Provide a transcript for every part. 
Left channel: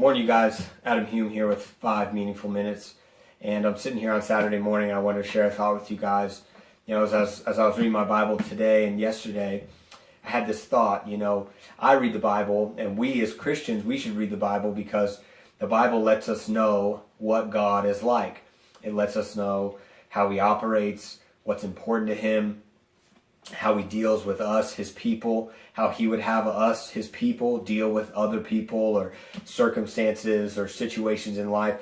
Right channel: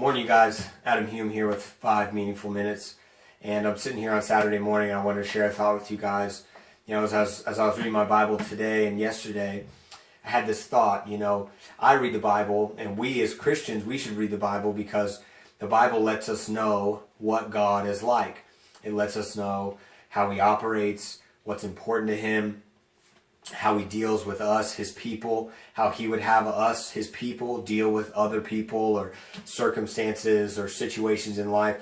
Morning, you guys. Adam Hume here with 5 Meaningful Minutes. And I'm sitting here on Saturday morning and I wanted to share a thought with you guys. As I was reading my Bible today and yesterday, I had this thought, I read the Bible, and we as Christians, we should read the Bible because the Bible lets us know what God is like. It lets us know how he operates, what's important to him, how he deals with us, his people, how he would have us, his people, deal with other people or circumstances or situations in life.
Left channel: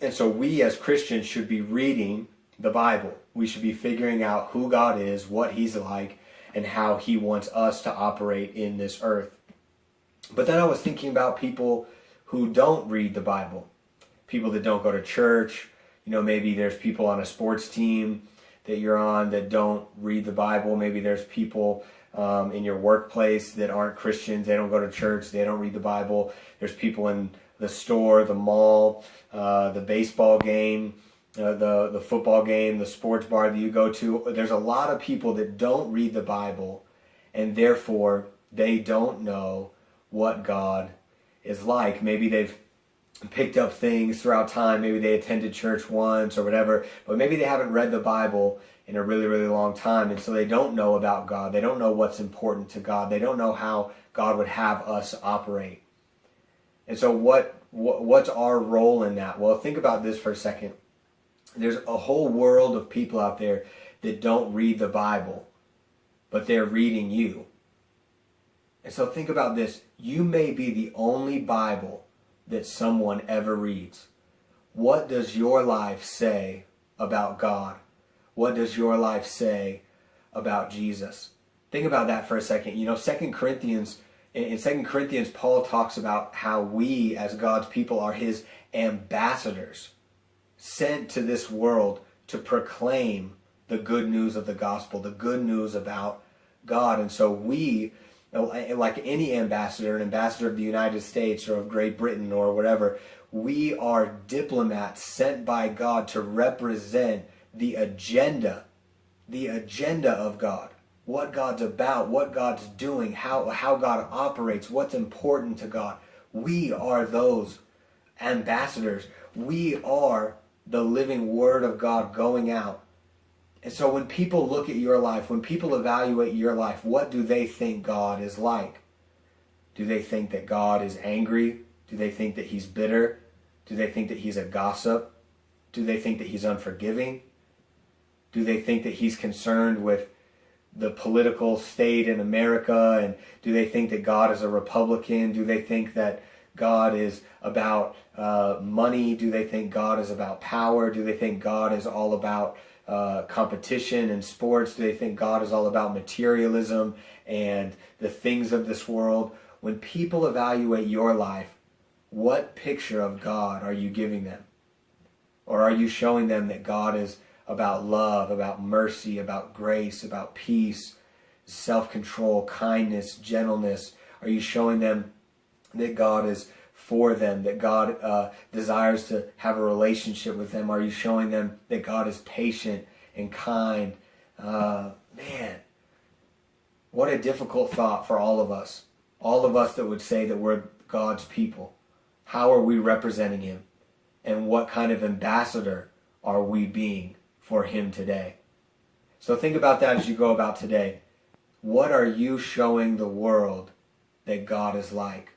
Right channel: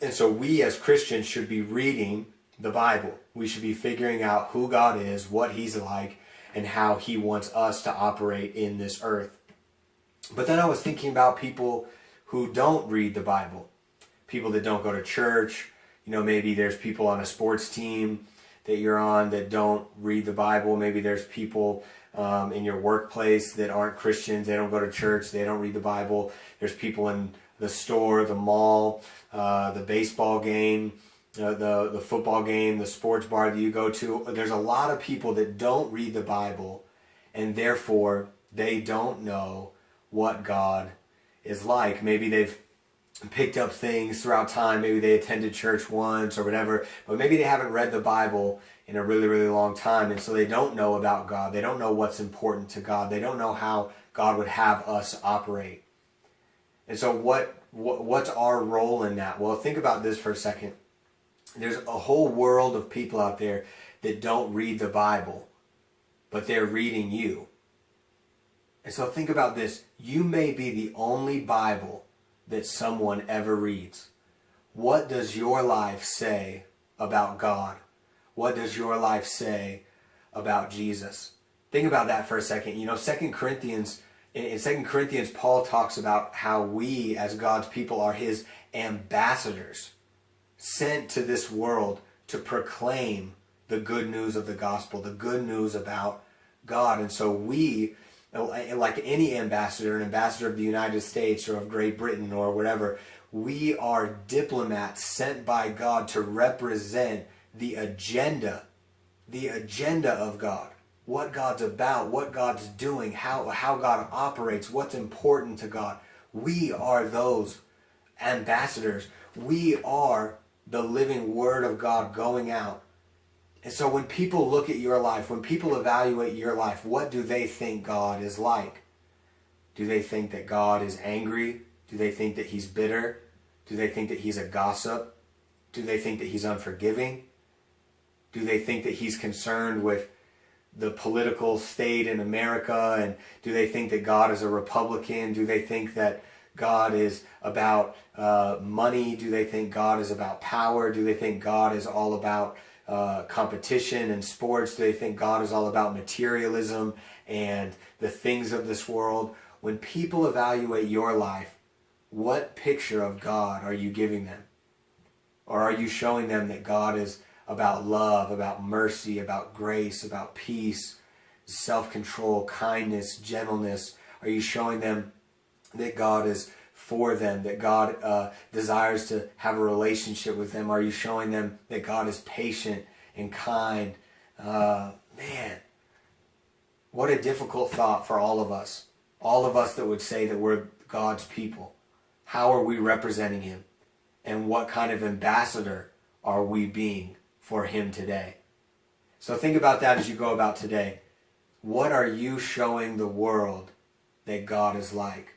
And so we as Christians should be reading the Bible. We should be figuring out who God is, what he's like, and how he wants us to operate in this earth. But then I was thinking about people who don't read the Bible, people that don't go to church. Maybe there's people on a sports team that you're on that don't read the Bible. Maybe there's people in your workplace that aren't Christians. They don't go to church. They don't read the Bible. There's people in the store, the mall, the baseball game, the football game, the sports bar that you go to. There's a lot of people that don't read the Bible, and therefore they don't know what God is like. Maybe they've picked up things throughout time. Maybe they attended church once or whatever, but maybe they haven't read the Bible in a really, really long time, and so they don't know about God. They don't know what's important to God. They don't know how God would have us operate. And so what's our role in that? Well, think about this for a second. There's a whole world of people out there that don't read the Bible, but they're reading you. And so think about this. You may be the only Bible that someone ever reads. What does your life say about God? What does your life say about Jesus? Think about that for a second. In 2 Corinthians, Paul talks about how we as God's people are his ambassadors, sent to this world to proclaim the good news of the gospel, the good news about God. And so we, like any ambassador, an ambassador of the United States or of Great Britain or whatever, we are diplomats sent by God to represent the agenda of God, what God's about, what God's doing, how God operates, what's important to God. We are those ambassadors. We are the living word of God going out. And so when people look at your life, when people evaluate your life, what do they think God is like? Do they think that God is angry? Do they think that he's bitter? Do they think that he's a gossip? Do they think that he's unforgiving? Do they think that he's concerned with the political state in America? And do they think that God is a Republican? Do they think that God is about money? Do they think God is about power? Do they think God is all about competition and sports? Do they think God is all about materialism and the things of this world? When people evaluate your life, what picture of God are you giving them? Or are you showing them that God is about love, about mercy, about grace, about peace, self-control, kindness, gentleness? Are you showing them that God is for them, that God desires to have a relationship with them? Are you showing them that God is patient and kind? Man, what a difficult thought for all of us that would say that we're God's people. How are we representing him? And what kind of ambassador are we being for him today? So think about that as you go about today. What are you showing the world that God is like?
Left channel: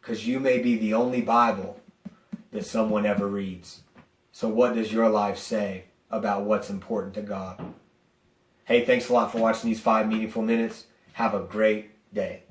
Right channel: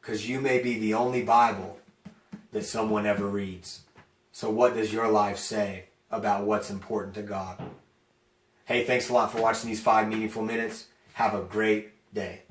Because you may be the only Bible that someone ever reads. So what does your life say about what's important to God? Hey, thanks a lot for watching these 5 Meaningful Minutes. Have a great day.